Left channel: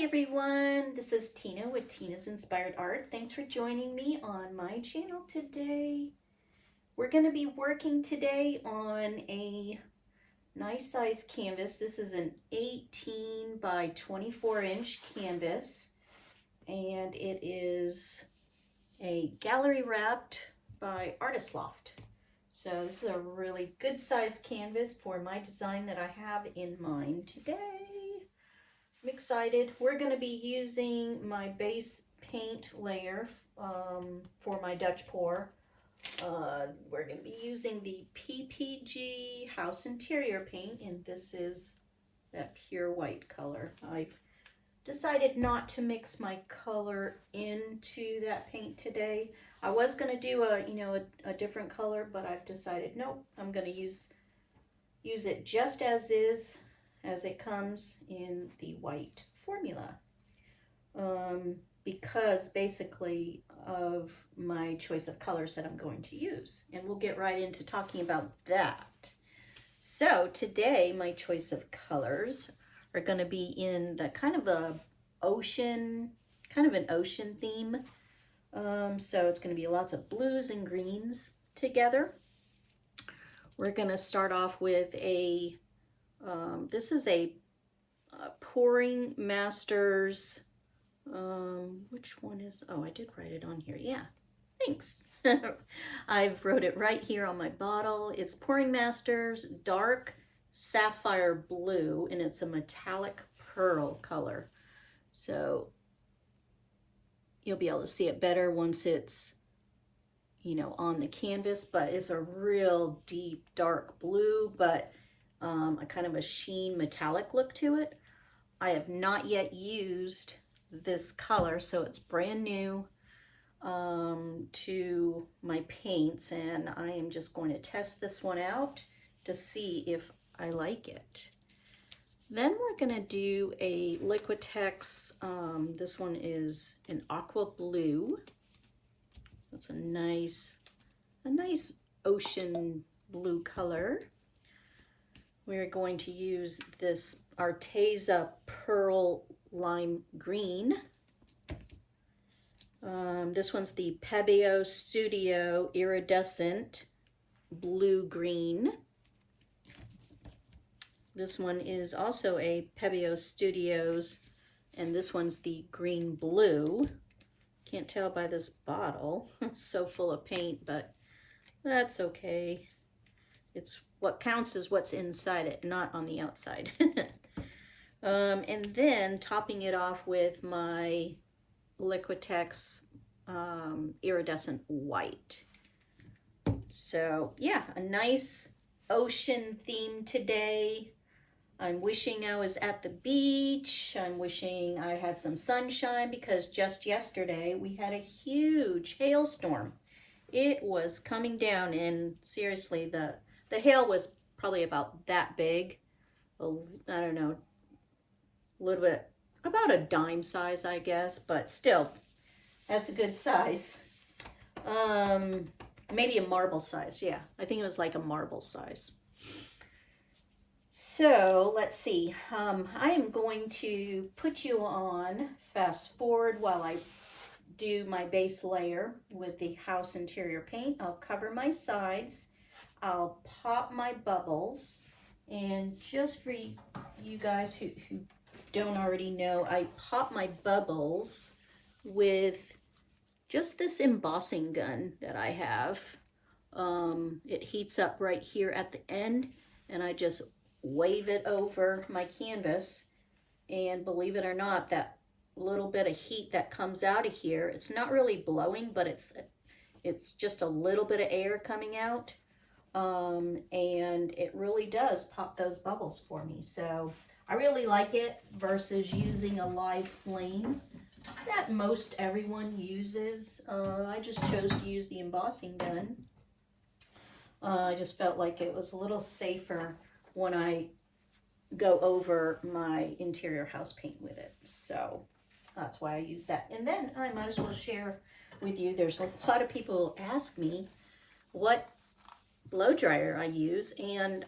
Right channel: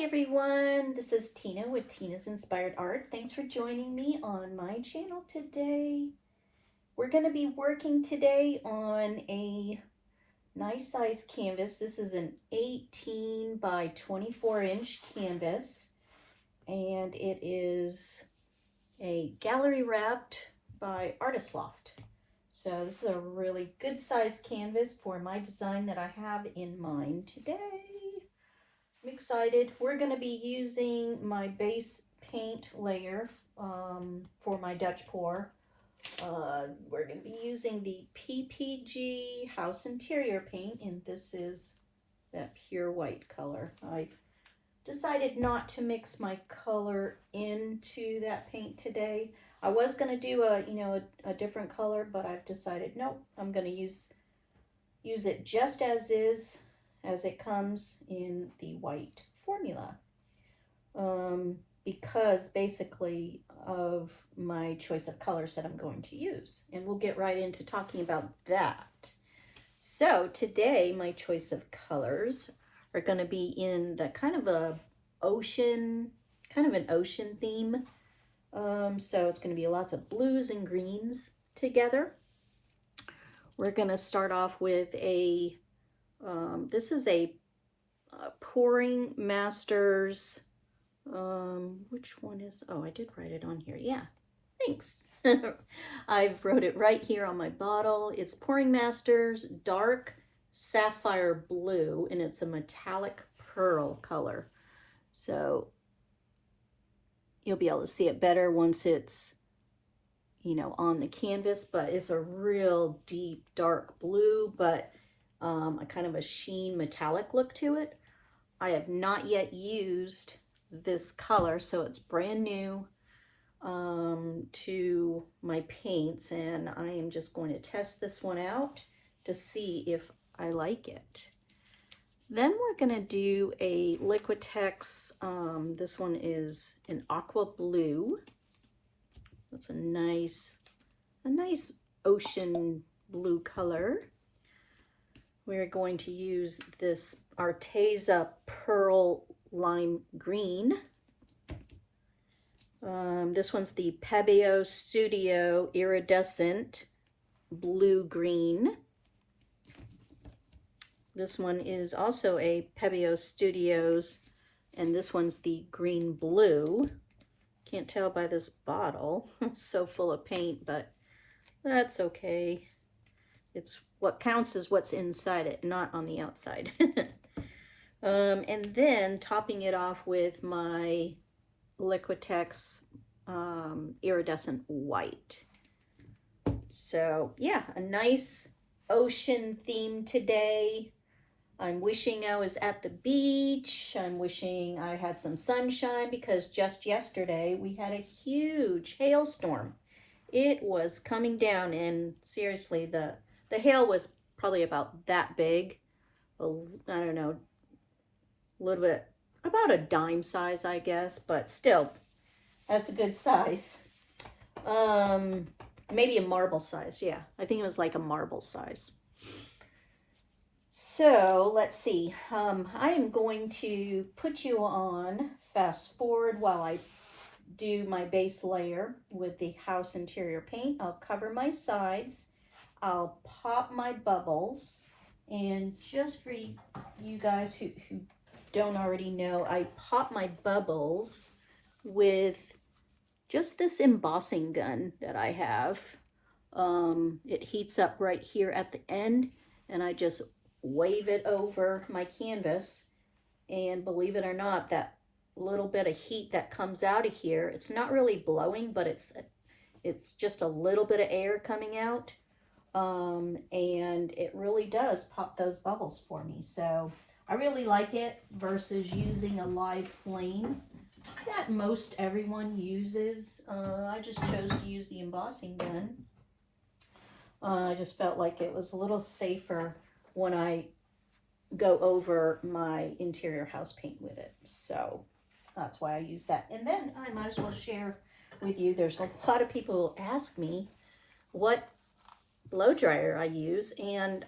Hi everyone, this is Tina with Tina's Inspired Art. Thanks for joining me on my channel today. We're going to be working today on a nice size canvas. This is an 18 by 24 inch canvas, and it is a gallery wrapped by Artist Loft. So this is a really good size canvas for my design that I have in mind today. I'm excited. We're going to be using my base paint layer for my Dutch pour. We're going to be using the PPG House Interior paint, and this is that pure white color. I've decided not to mix my color into that paint today. I was going to do a different color, but I've decided nope, I'm going to use it just as is, as it comes in the white formula, because basically of my choice of colors that I'm going to use, and we'll get right into talking about that. So today my choice of colors are going to be in the kind of an ocean theme. So it's going to be lots of blues and greens together. We're going to start off with a this is a Pouring Masters, which one is, oh, I did write it on here. Yeah, thanks. I've wrote it right here on my bottle. It's Pouring Masters Dark Sapphire Blue, and it's a metallic pearl color. So you'll be able to see it better once it's, on the canvas, but it's a real deep, dark blue, but a kind of a sheen metallic look to it. I have not yet used this color, so it's brand new to my paints, and I am just going to test this one out to see if I like it. Then we're going to do a Liquitex. This one is an aqua blue. That's a nice ocean blue color. We're going to use this Arteza Pearl Lime Green. This one's the Pebeo Studio Iridescent Blue Green. This one is also a Pebeo Studios, and this one's the green blue. Can't tell by this bottle. It's so full of paint, but that's okay. It's what counts is what's inside it, not on the outside. And then topping it off with my Liquitex Iridescent White. So yeah, a nice ocean theme today. I'm wishing I was at the beach. I'm wishing I had some sunshine, because just yesterday we had a huge hailstorm. It was coming down, and seriously, the hail was probably about that big. I don't know, a little bit, about a dime size, I guess, but still, that's a good size. Maybe a marble size, yeah. I think it was like a marble size. So let's see. I am going to put you on fast forward while I do my base layer with the house interior paint. I'll cover my sides. I'll pop my bubbles, and just for you guys who don't already know, I pop my bubbles with just this embossing gun that I have. It heats up right here at the end, and I just wave it over my canvas, and believe it or not, that little bit of heat that comes out of here, it's not really blowing, but it's just a little bit of air coming out. And it really does pop those bubbles for me. So I really like it versus using a live flame that most everyone uses. I just chose to use the embossing gun. I just felt like it was a little safer when I go over my interior house paint with it. So that's why I use that. And then I might as well share with you, there's a lot of people who ask me what blow dryer I use, and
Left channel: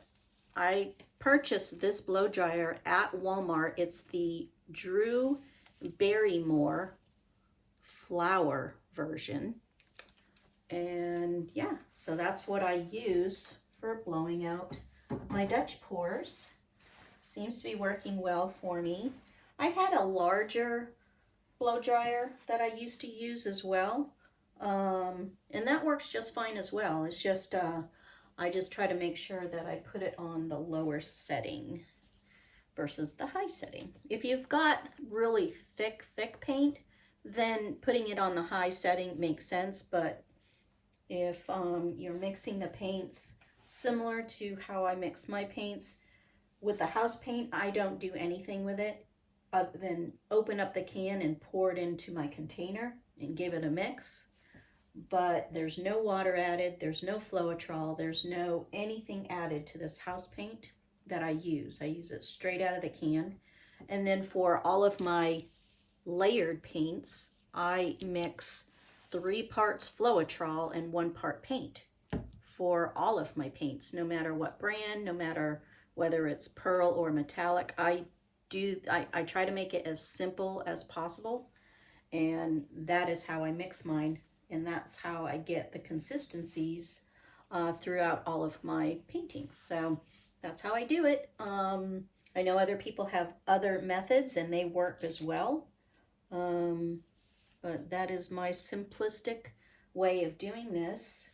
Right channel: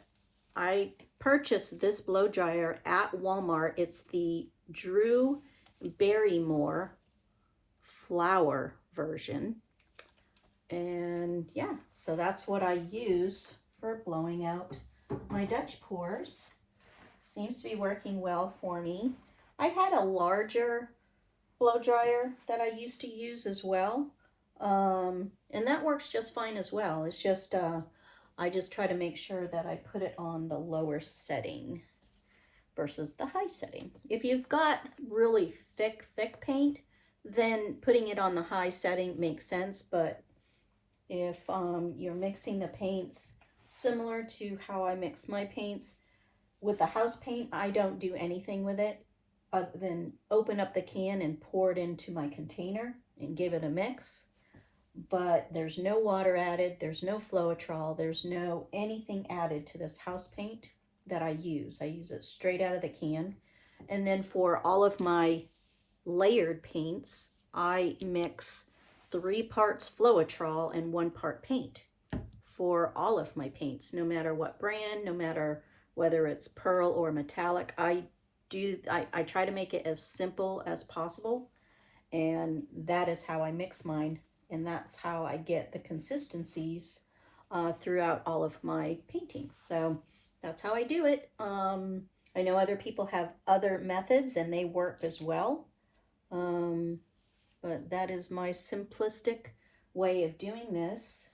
I purchased this blow dryer at Walmart. It's the Drew Barrymore flower version. And yeah, so that's what I use for blowing out my Dutch pours. Seems to be working well for me. I had a larger blow dryer that I used to use as well. And that works just fine as well. It's just, I just try to make sure that I put it on the lower setting versus the high setting. If you've got really thick paint, then putting it on the high setting makes sense. But if you're mixing the paints similar to how I mix my paints, with the house paint, I don't do anything with it other than open up the can and pour it into my container and give it a mix. But there's no water added, there's no Floetrol, there's no anything added to this house paint that I use. I use it straight out of the can. And then for all of my layered paints, I mix 3 parts Floetrol and 1 part paint for all of my paints, no matter what brand, no matter whether it's pearl or metallic. I try to make it as simple as possible, and that is how I mix mine, and that's how I get the consistencies throughout all of my paintings. So that's how I do it. I know other people have other methods and they work as well, but that is my simplistic way of doing this.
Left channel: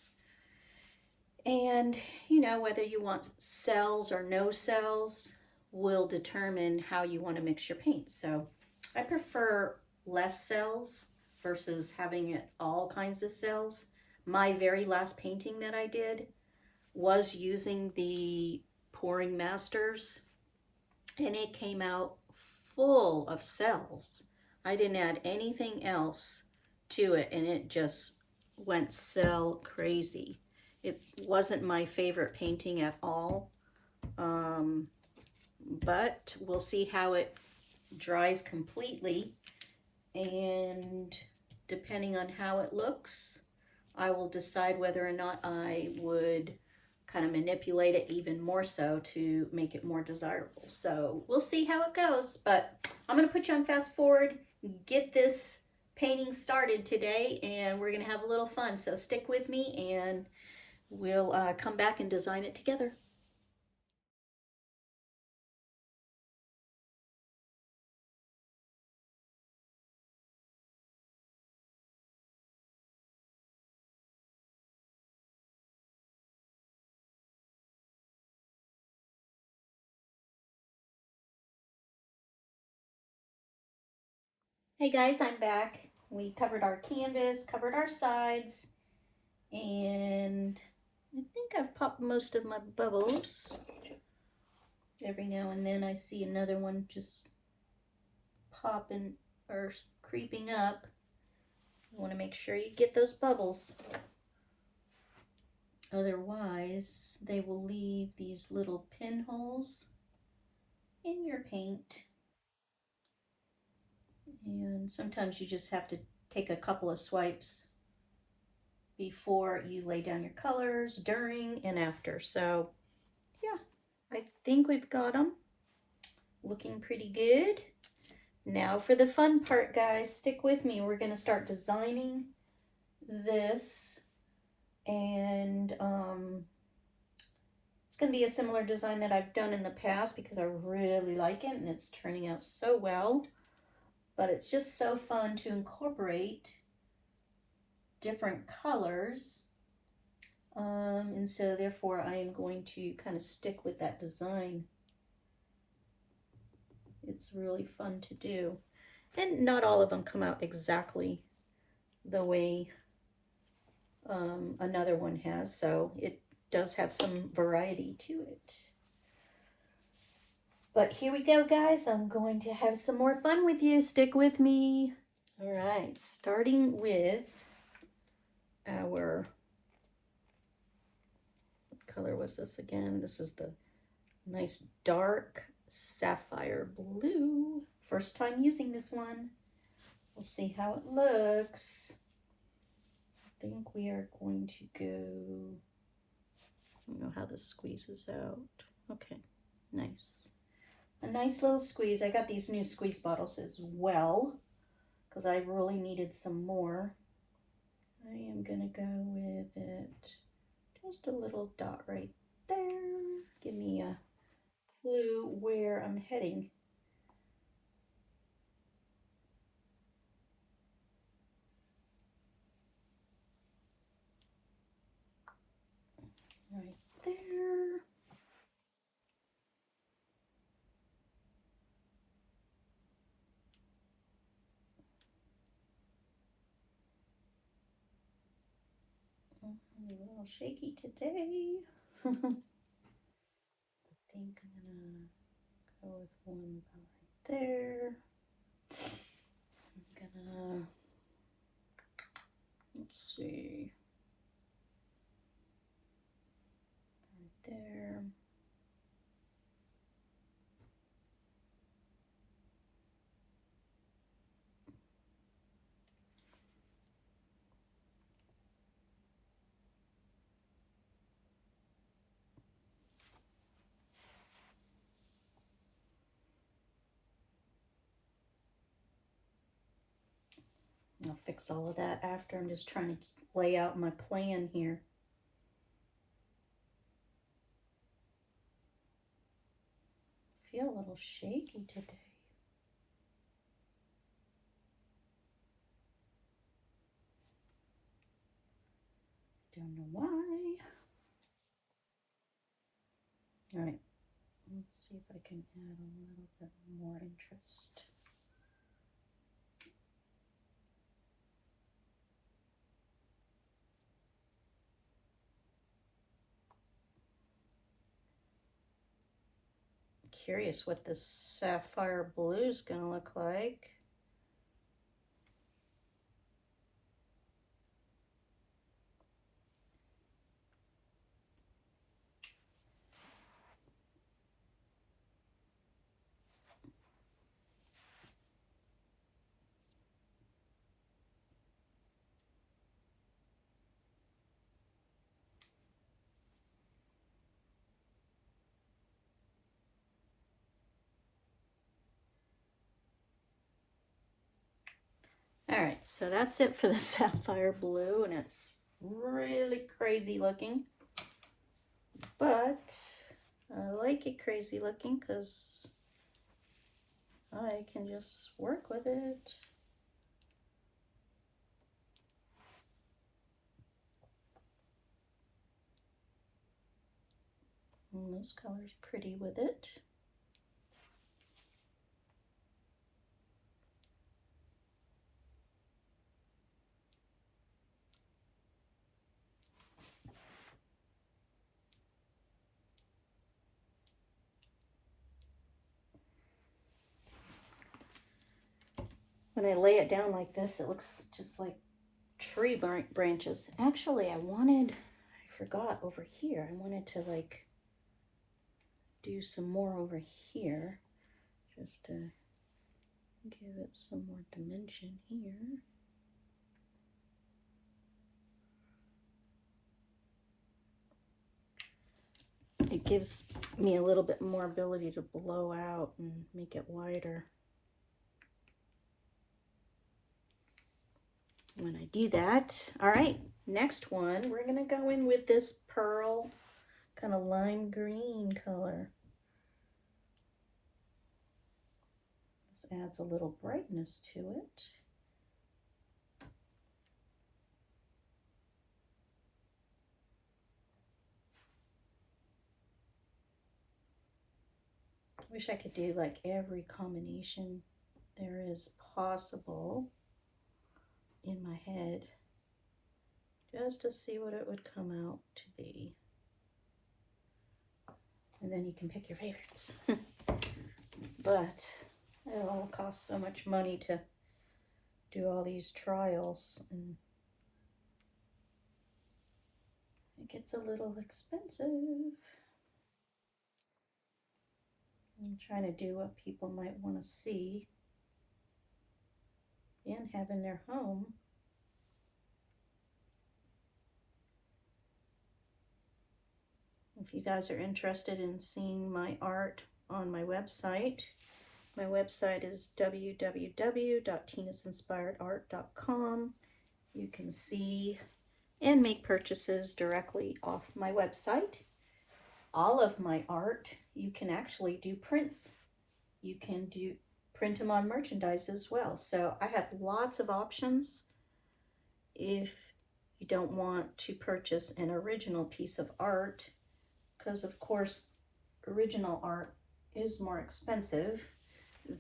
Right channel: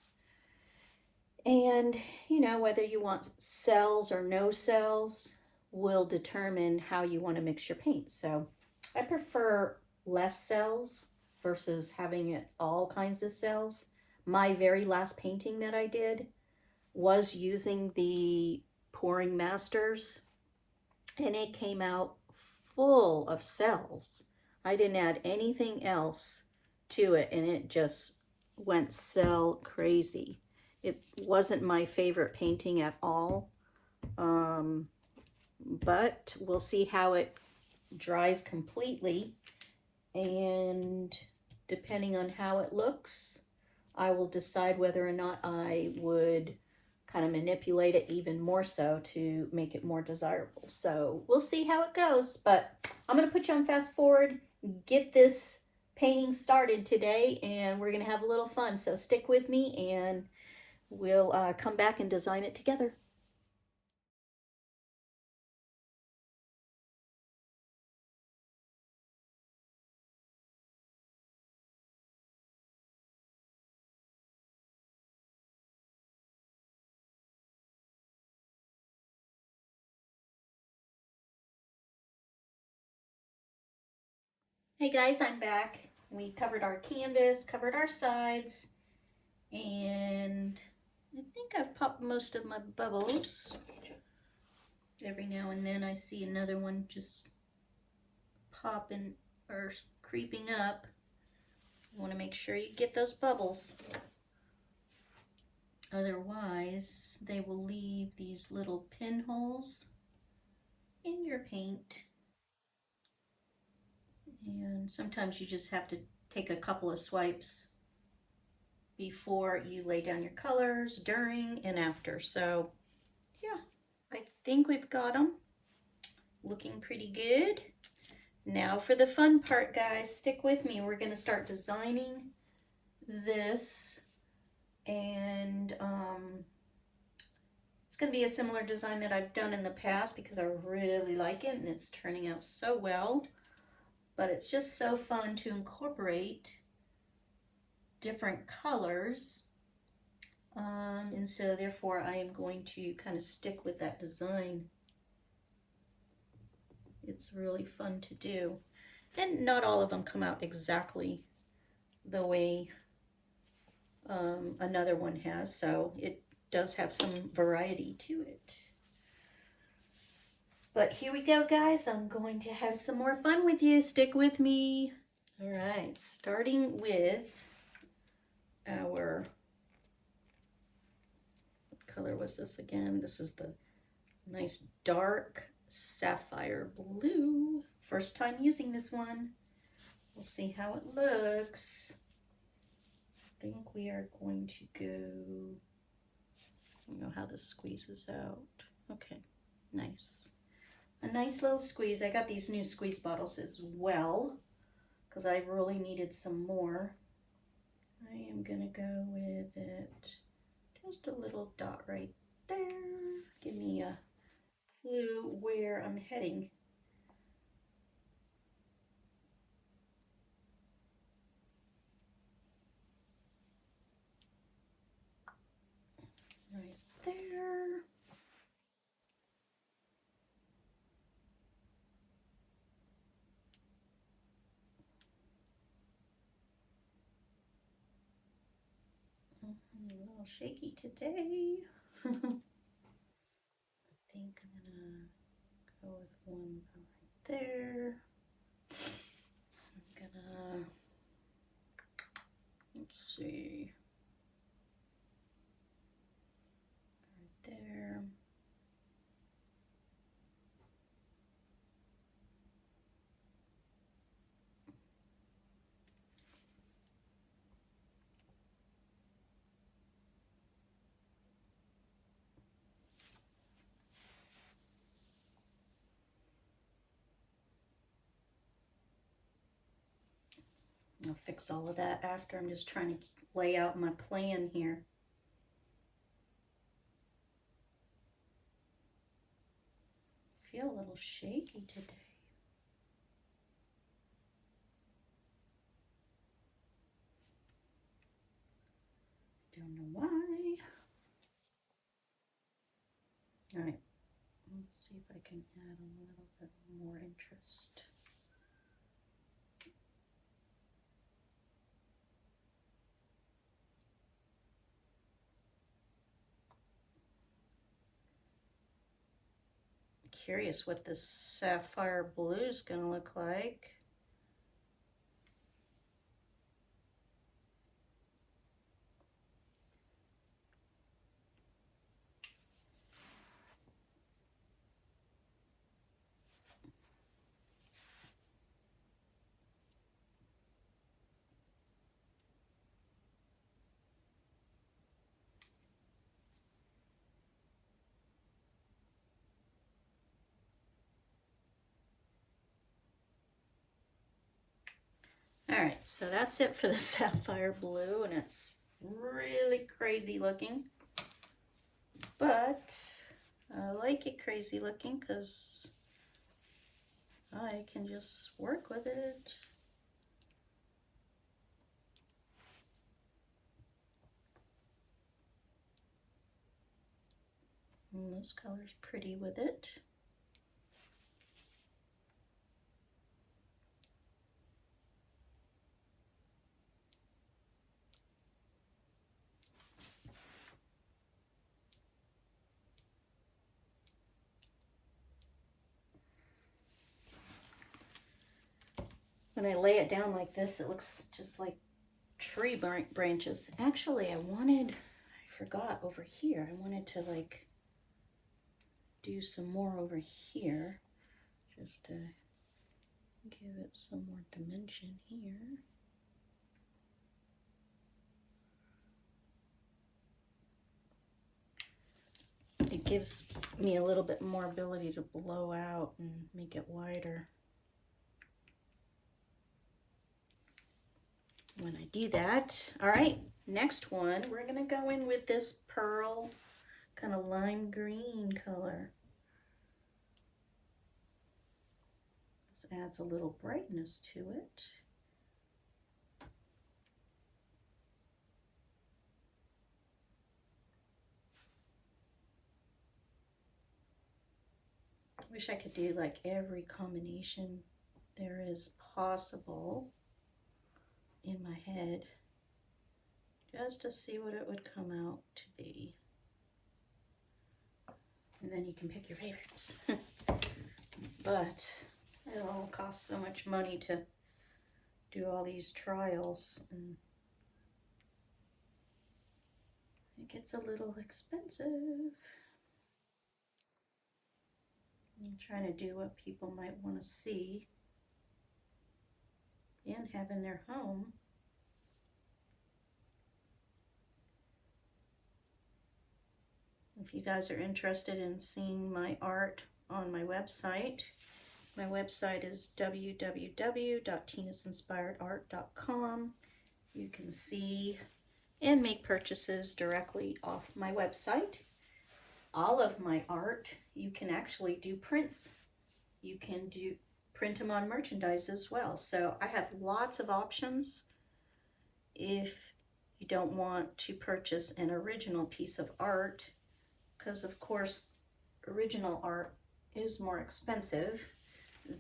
And you know, whether you want cells or no cells will determine how you want to mix your paint. So I prefer less cells versus having it all kinds of cells. My very last painting that I did was using the Pouring Masters, and it came out full of cells. I didn't add anything else to it, and it just went cell crazy. It wasn't my favorite painting at all, but we'll see how it dries completely, and depending on how it looks, I will decide whether or not I would kind of manipulate it even more so to make it more desirable. So we'll see how it goes, but I'm going to put you on fast forward, get this painting started today, and we're going to have a little fun. So stick with me and we'll come back and design it together. Hey guys, I'm back. We covered our canvas, covered our sides, and I think I've popped most of my bubbles. Every now and then I see another one just popping or creeping up. You want to make sure you get those bubbles. Otherwise, they will leave these little pinholes in your paint. And sometimes you just have to take a couple of swipes before you lay down your colors, during and after. So yeah, I think we've got them looking pretty good. Now for the fun part, guys. Stick with me. We're going to start designing this, and it's going to be a similar design that I've done in the past because I really like it and it's turning out so well. But it's just so fun to incorporate different colors, and so therefore I am going to kind of stick with that design. It's really fun to do, and not all of them come out exactly the way another one has, so it does have some variety to it. But here we go, guys. I'm going to have some more fun with you. Stick with me. All right, starting with our, what color was this again? This is the nice dark sapphire blue. First time using this one. We'll see how it looks. I think we are going to go, I don't know how this squeezes out. Okay, nice. a nice little squeeze. I got these new squeeze bottles as well because I really needed some more. I am gonna go with it, just a little dot right there. Give me a clue where I'm heading. Right there. I'm a little shaky today. I think I'm gonna go with one right there. I'm gonna, let's see, right there. I'll fix all of that after. I'm just trying to lay out my plan here. I feel a little shaky today. Don't know why. All right, let's see if I can add a little bit more interest. Curious what this sapphire blue is going to look like. All right, so that's it for the sapphire blue, and it's really crazy looking, but I like it crazy looking because I can just work with it. And this color's pretty with it. When I lay it down like this, it looks just like tree branches. Actually, I forgot over here. I wanted to like do some more over here just to give it some more dimension here. It gives me a little bit more ability to blow out and make it wider. When I do that, all right, next one, we're gonna go in with this pearl kind of lime green color. This adds a little brightness to it. I wish I could do like every combination there is possible in my head just to see what it would come out to be. And then you can pick your favorites. But it all costs so much money to do all these trials, and it gets a little expensive. I'm trying to do what people might want to see and have in their home. If you guys are interested in seeing my art on my website. My website is www.tinasinspiredart.com. You can see and make purchases directly off my website. All of my art, you can actually do prints. You can print them on merchandise as well. So I have lots of options if you don't want to purchase an original piece of art, because of course original art is more expensive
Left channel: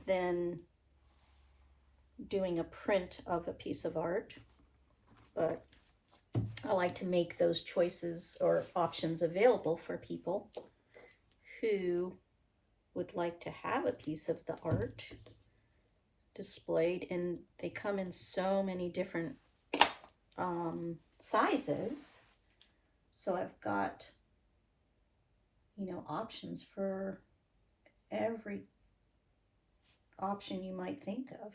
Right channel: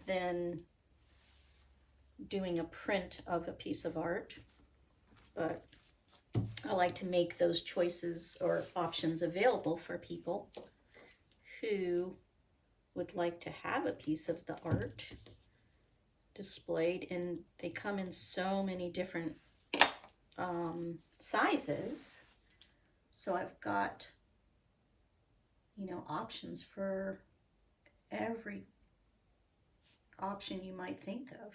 than doing a print of a piece of art. But I like to make those choices or options available for people who would like to have a piece of the art displayed, and they come in so many different sizes. So I've got, options for every option you might think of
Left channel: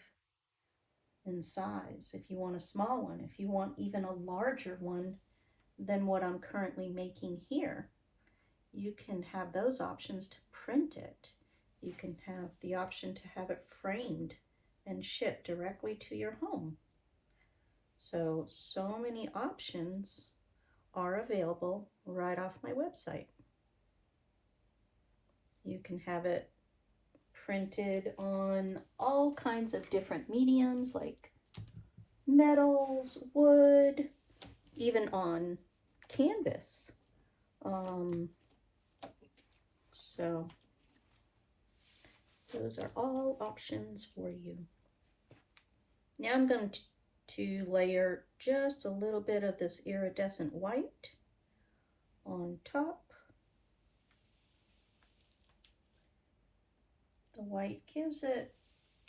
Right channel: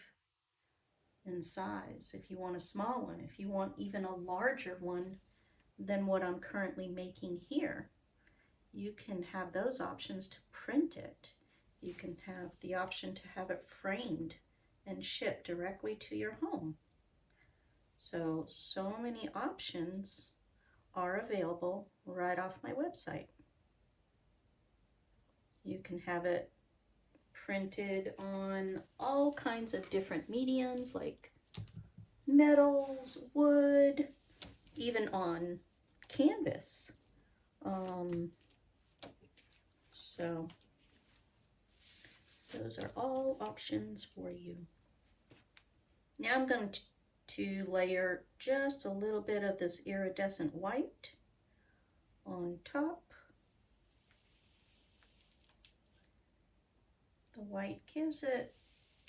in size. If you want a small one, if you want even a larger one than what I'm currently making here, you can have those options to print it. You can have the option to have it framed and shipped directly to your home. So many options are available right off my website. You can have it printed on all kinds of different mediums like metals, wood, even on canvas. So those are all options for you. Now I'm going to layer just a little bit of this iridescent white on top. The white gives it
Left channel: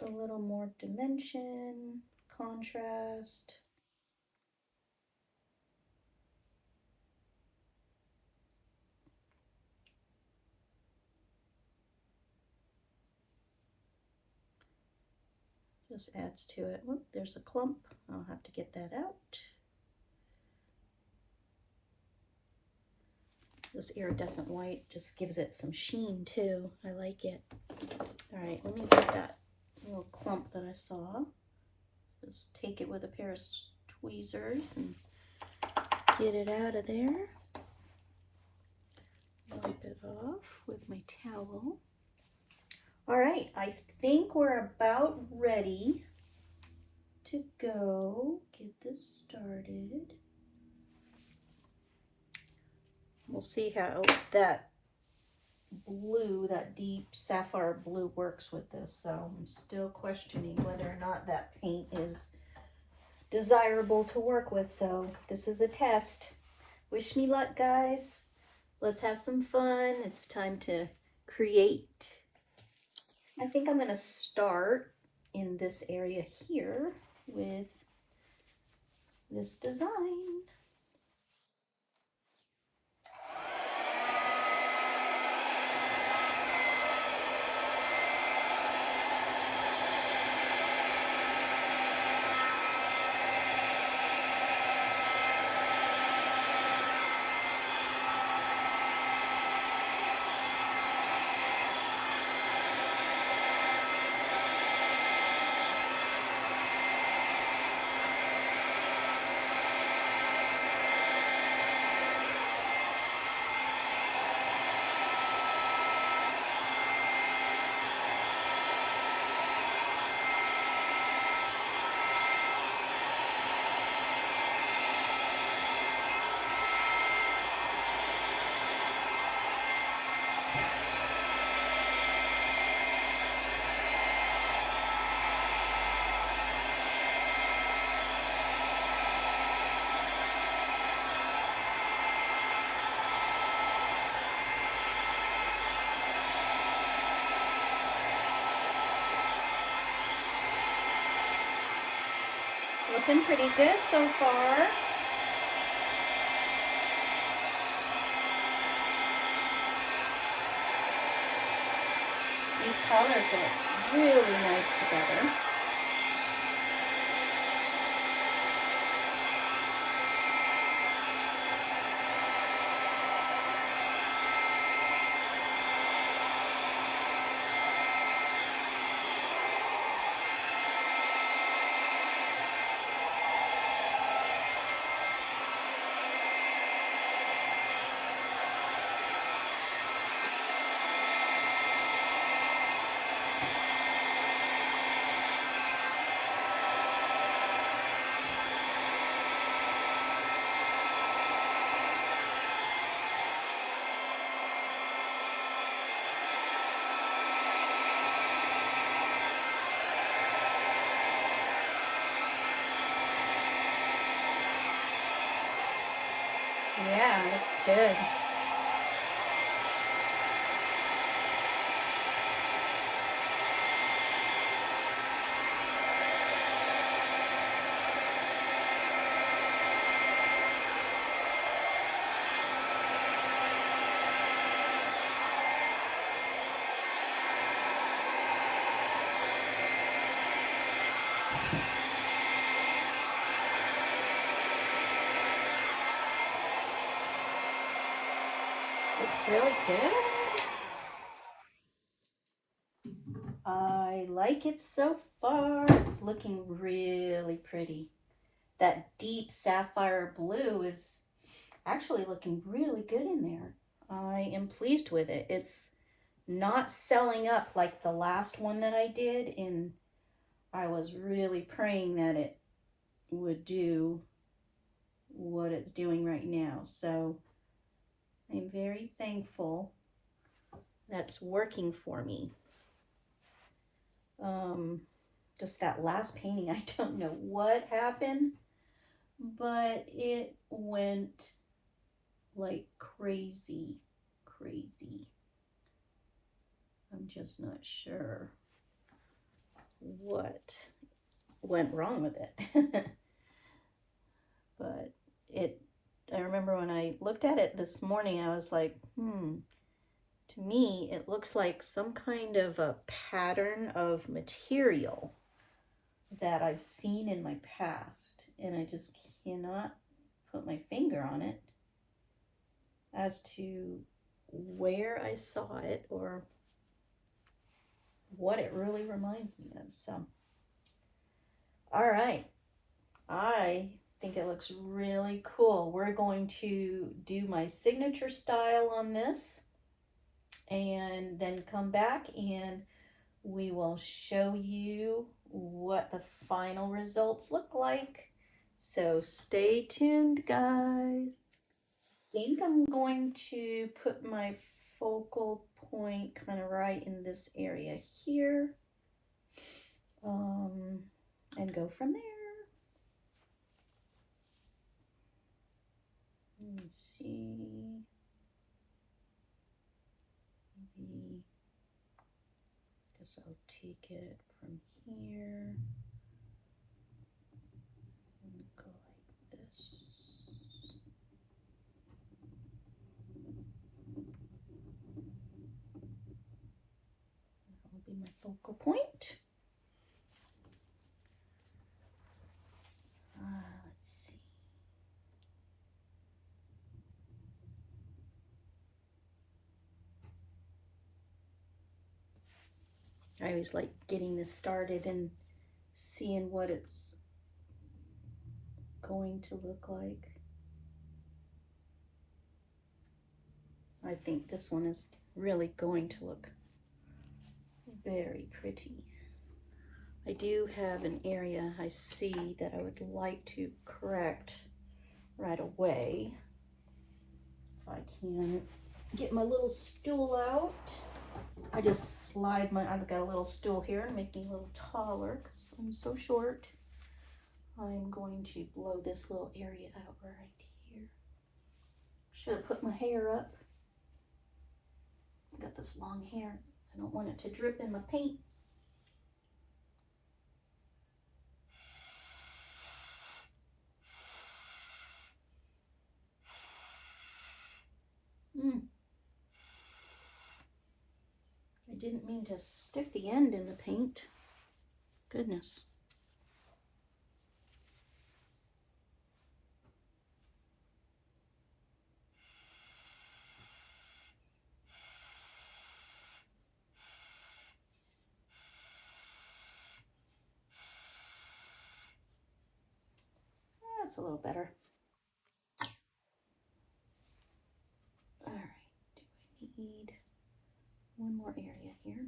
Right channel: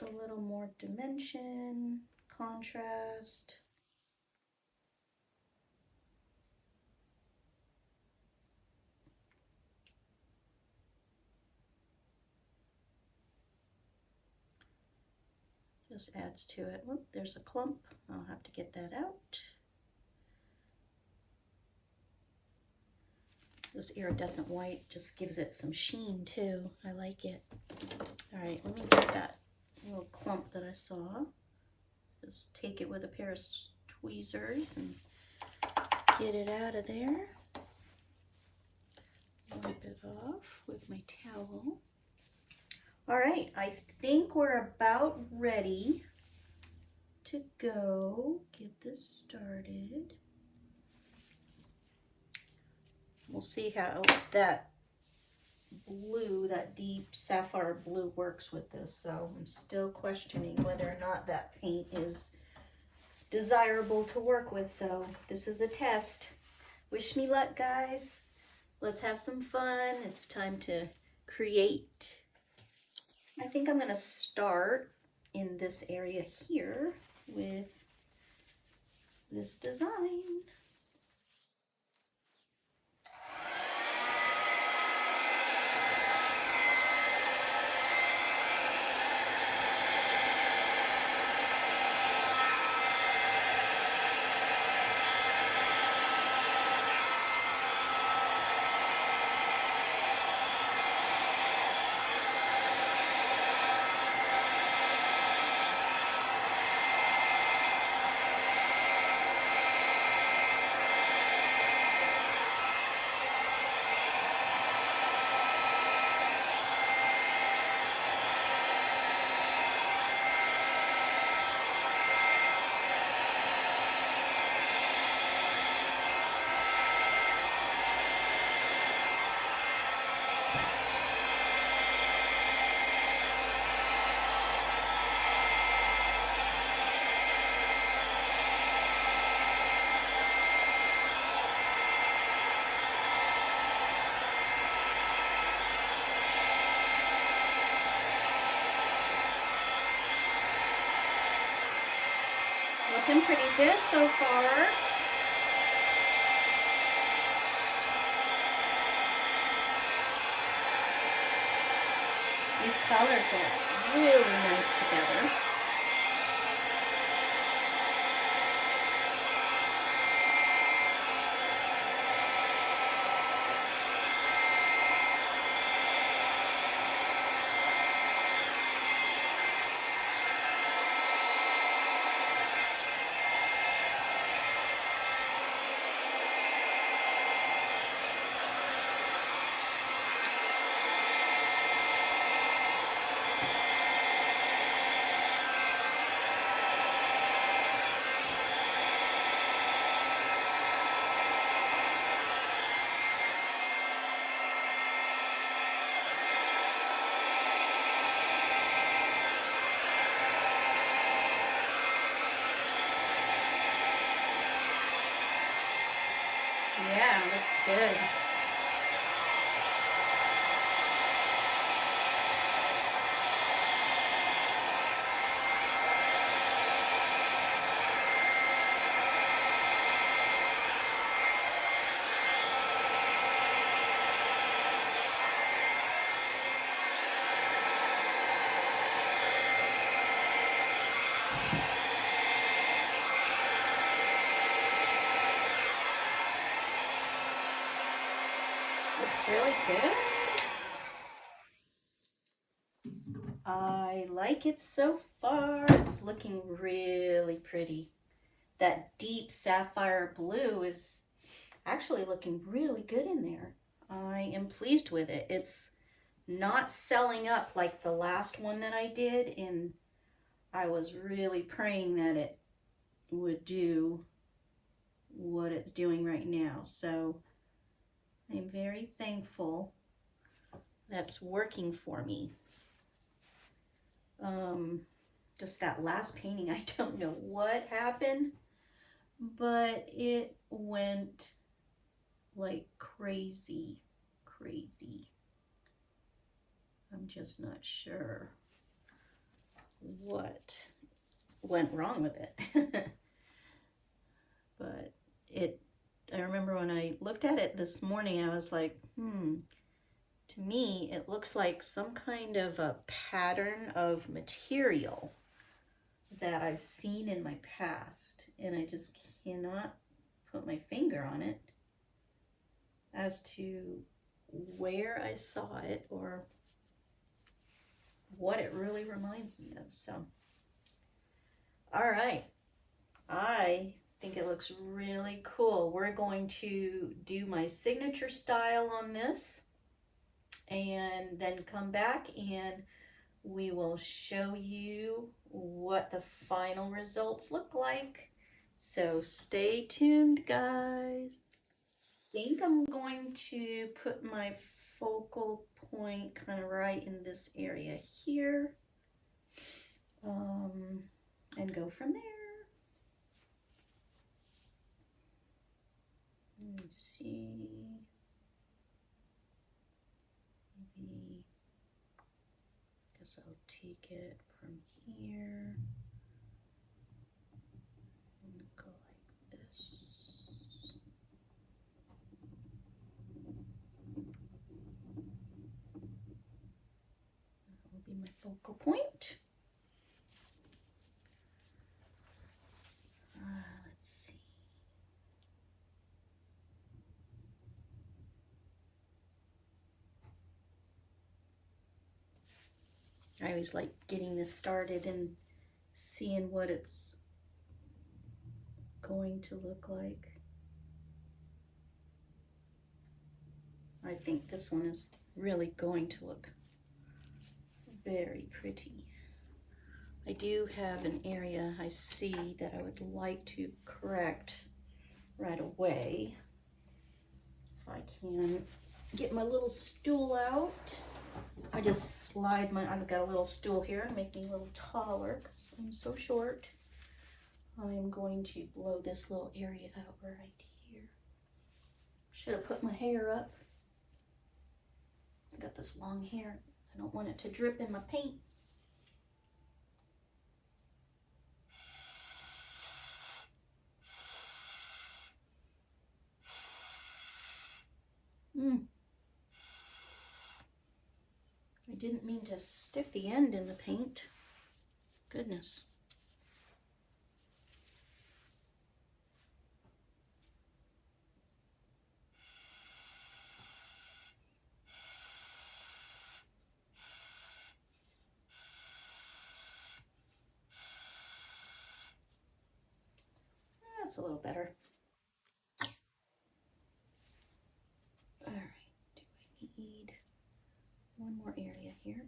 a little more dimension, contrast. Just adds to it. Whoop, there's a clump. I'll have to get that out. This iridescent white just gives it some sheen too. I like it. All right, let me get that little clump that I saw. Just take it with a pair of tweezers and get it out of there. Wipe it off with my towel. All right, I think we're about ready to go get this started. We'll see how that blue, that deep sapphire blue works with this. So I'm still questioning whether or not that paint is desirable to work with. So this is a test. Wish me luck, guys. Let's have some fun. It's time to create. I think I'm going to start in this area here with this design. Looking pretty good so far. These colors look really nice together. Yeah, looks good. Looks really good. I like it so far. It's looking really pretty. That deep sapphire blue is actually looking really good in there. I am pleased with it. It's not selling up like the last one that I did, and I was really praying that it would do what it's doing right now. So I'm very thankful that's working for me. Just that last painting, I don't know what happened, but it went like crazy. I'm just not sure what went wrong with it. But I remember when I looked at it this morning, I was like, to me, it looks like some kind of a pattern of material that I've seen in my past, and I just cannot put my finger on it as to where I saw it or what it really reminds me of. So, all right, I think it looks really cool. We're going to do my signature style on this and then come back and we will show you what the final results look like. So stay tuned, guys. I think I'm going to put my focal point kind of right in this area here, and go from there. Let me see. Maybe, guess I'll take it from here and go like this. That will be my focal point. Let's see. I always like getting this started and seeing what it's going to look like. I think this one is really going to look very pretty. I do have an area I see that I would like to correct right away. If I can get my little stool out. I just slide I've got a little stool here to make me a little taller because I'm so short. I'm going to blow this little area out right here. Should have put my hair up. I got this long hair. I don't want it to drip in my paint. I didn't mean to stick the end in the paint. Goodness. That's a little better. All right, do I need one more area here?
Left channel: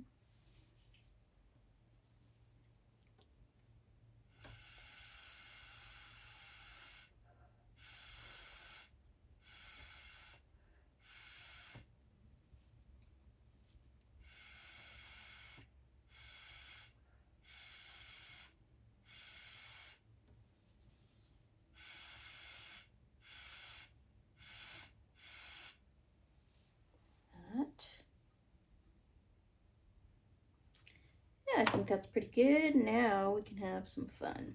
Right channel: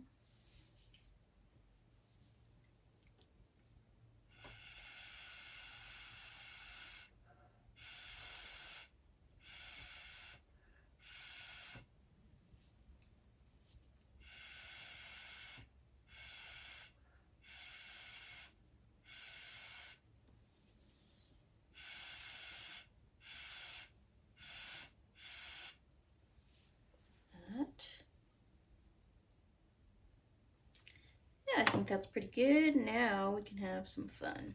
think that's pretty good. Now we can have some fun.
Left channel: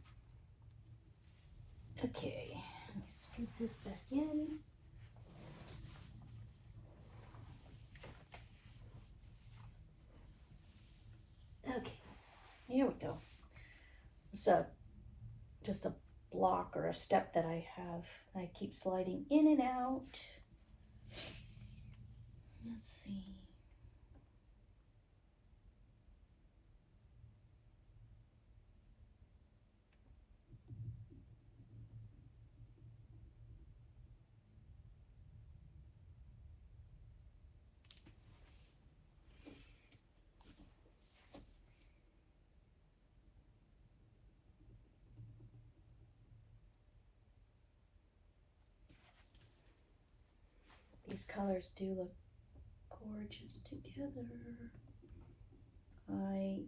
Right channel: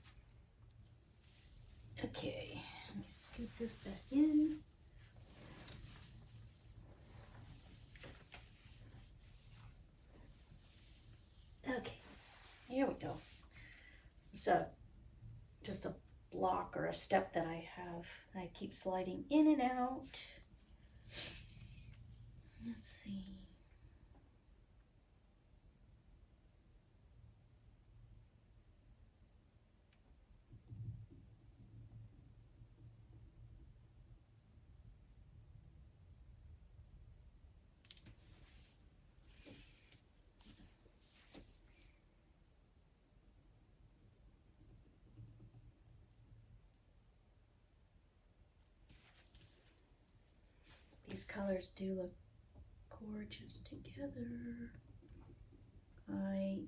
Okay, let me scoot this back in. Okay, here we go. So just a block or a step that I have. I keep sliding in and out. Let's see. These colors do look gorgeous together. I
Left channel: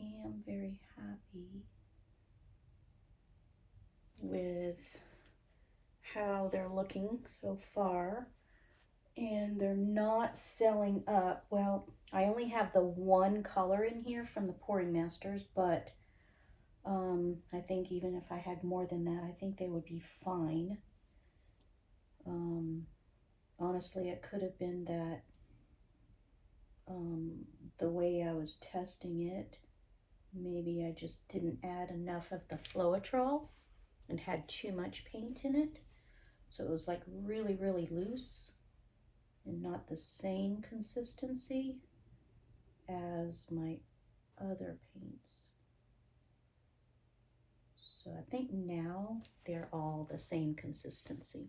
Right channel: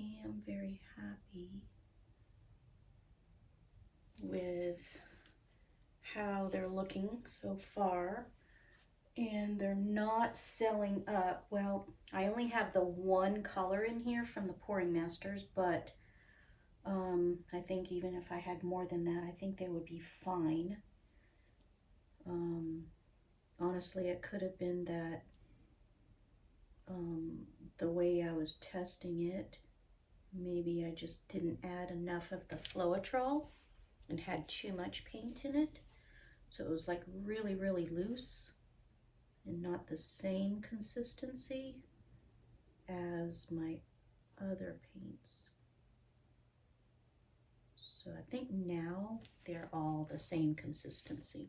am very happy with how they're looking so far, and they're not selling up. Well, I only have the one color in here from the Pouring Masters, but I think even if I had more than that, I think they would be fine. Honestly, it could have been that the way I was testing it, maybe I just didn't add enough of the Floetrol and had too much paint in it. So it was like really, really loose and not the same consistency as my other paints. So I think now they're all the same consistency.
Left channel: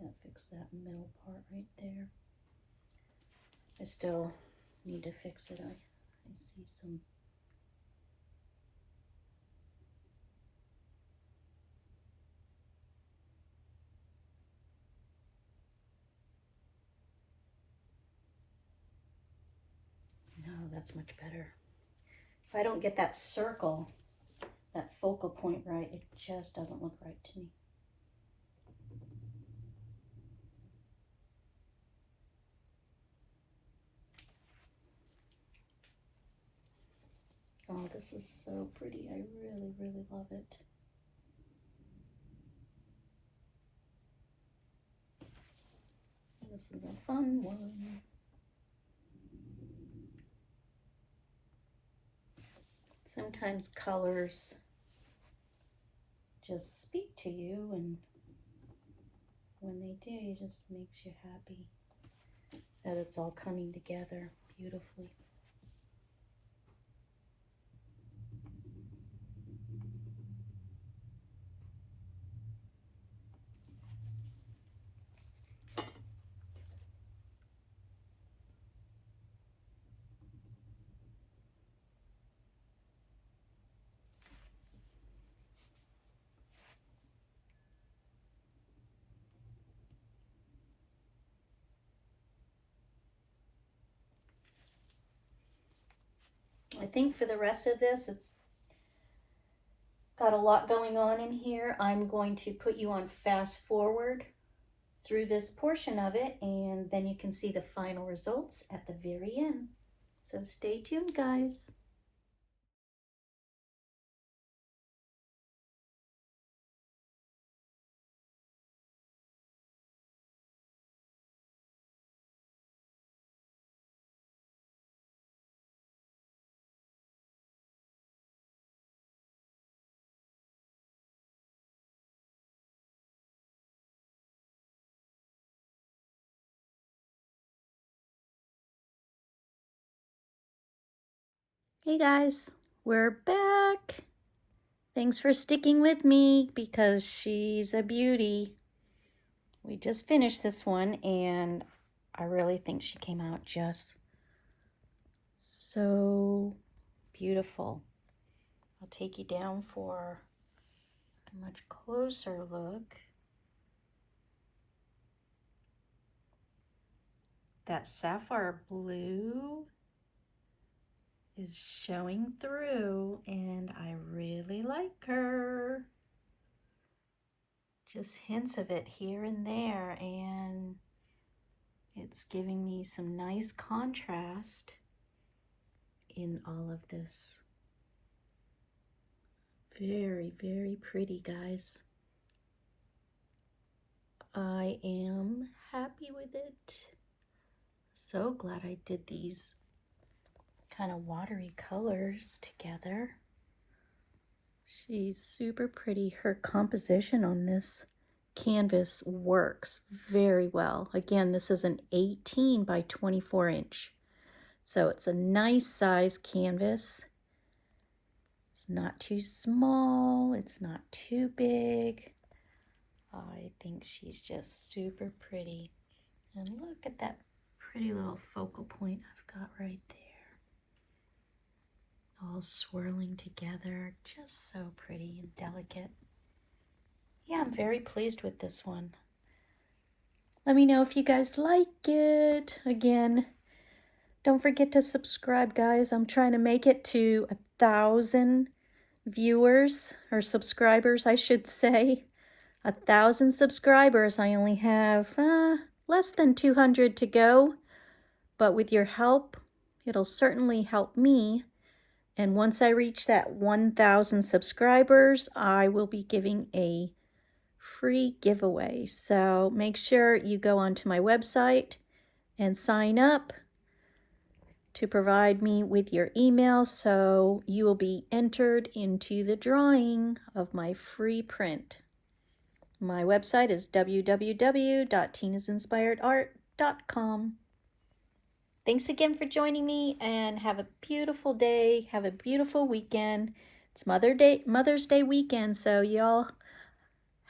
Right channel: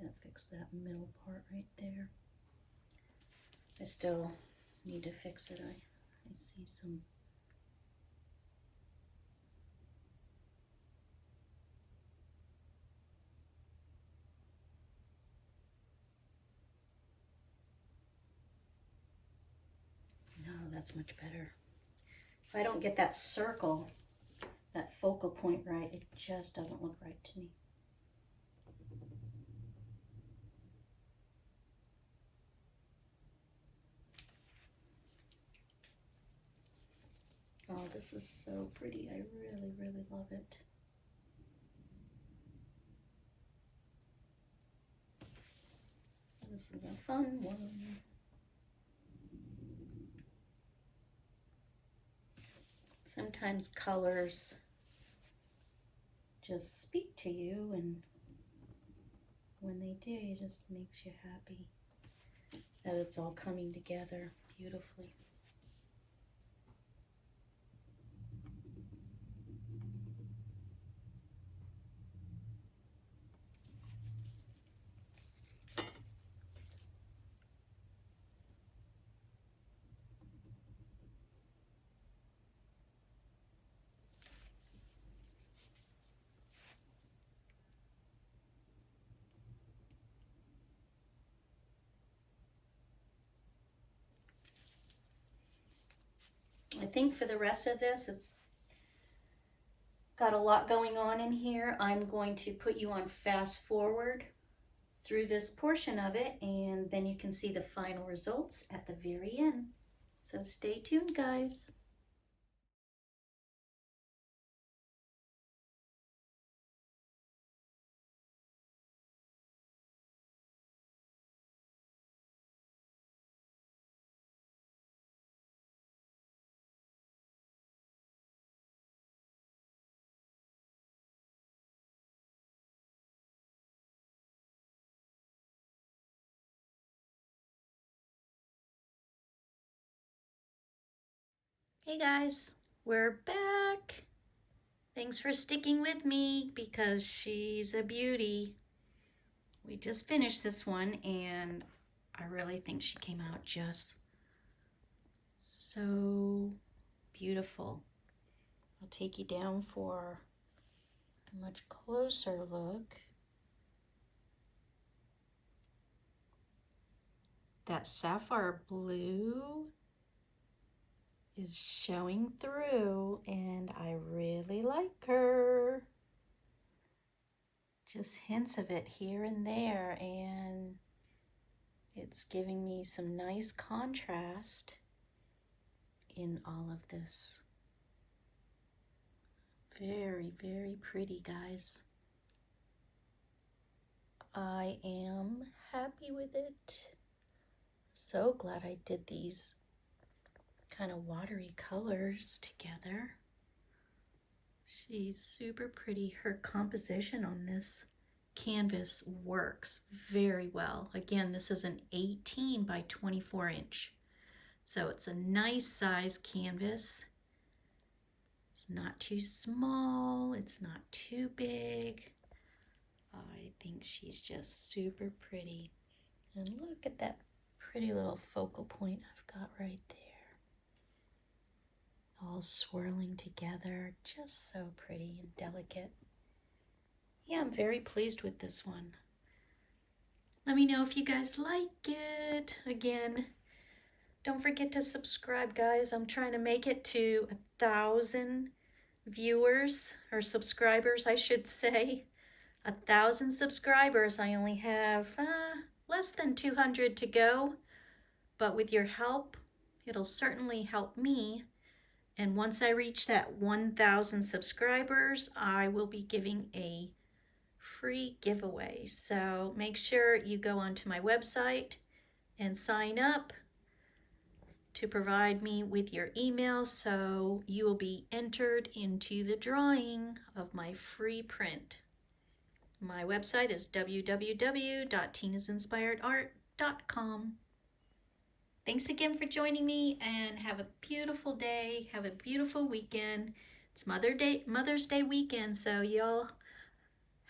Gotta fix that middle part right there. I still need to fix it. I see some. No, that's much better. If I don't get that circle, that focal point right, it just doesn't look right to me. Oh, this is so pretty. I really, really love it. This is a fun one. Sometimes colors just speak to you, and when they do, it just makes you happy that it's all coming together beautifully. I think for the rest of this, it's got a lot going on in here. I'm going to put you on fast forward through this portion of it, and then you can see the final results at the very end. So stay tuned, guys. Hey guys, we're back. Thanks for sticking with me because she's a beauty. We just finished this one and I really think she came out just so beautiful. I'll take you down for a much closer look. That sapphire blue is showing through, and I really like her. Just hints of it here and there, and it's giving me some nice contrast in all of this. Very, very pretty, guys. I am happy with it. So glad I did these kind of watery colors together. She's super pretty. Her composition on this canvas works very well. Again, this is an 18 by 24 inch. So it's a nice size canvas. It's not too small. It's not too big. I think she's just super pretty. And look at that pretty little focal point I've got right there. All swirling together, just so pretty and delicate. Yeah, I'm very pleased with this one. Let me know if you guys like it. Again, don't forget to subscribe, guys. I'm trying to make it to 1,000 viewers, or subscribers, I should say. 1,000 subscribers. I only have less than 200 to go, but with your help, it'll certainly help me. And once I reach that 1,000 subscribers, I will be giving a free giveaway. So make sure you go onto my website and sign up to provide me with your email, so you will be entered into the drawing of my free print. My website is www.tinasinspiredart.com. Thanks again for joining me, and have a beautiful day. Have a beautiful weekend. It's Mother's Day weekend, so y'all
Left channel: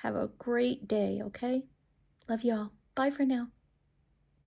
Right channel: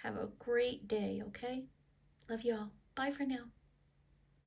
have a great day, okay? Love y'all. Bye for now.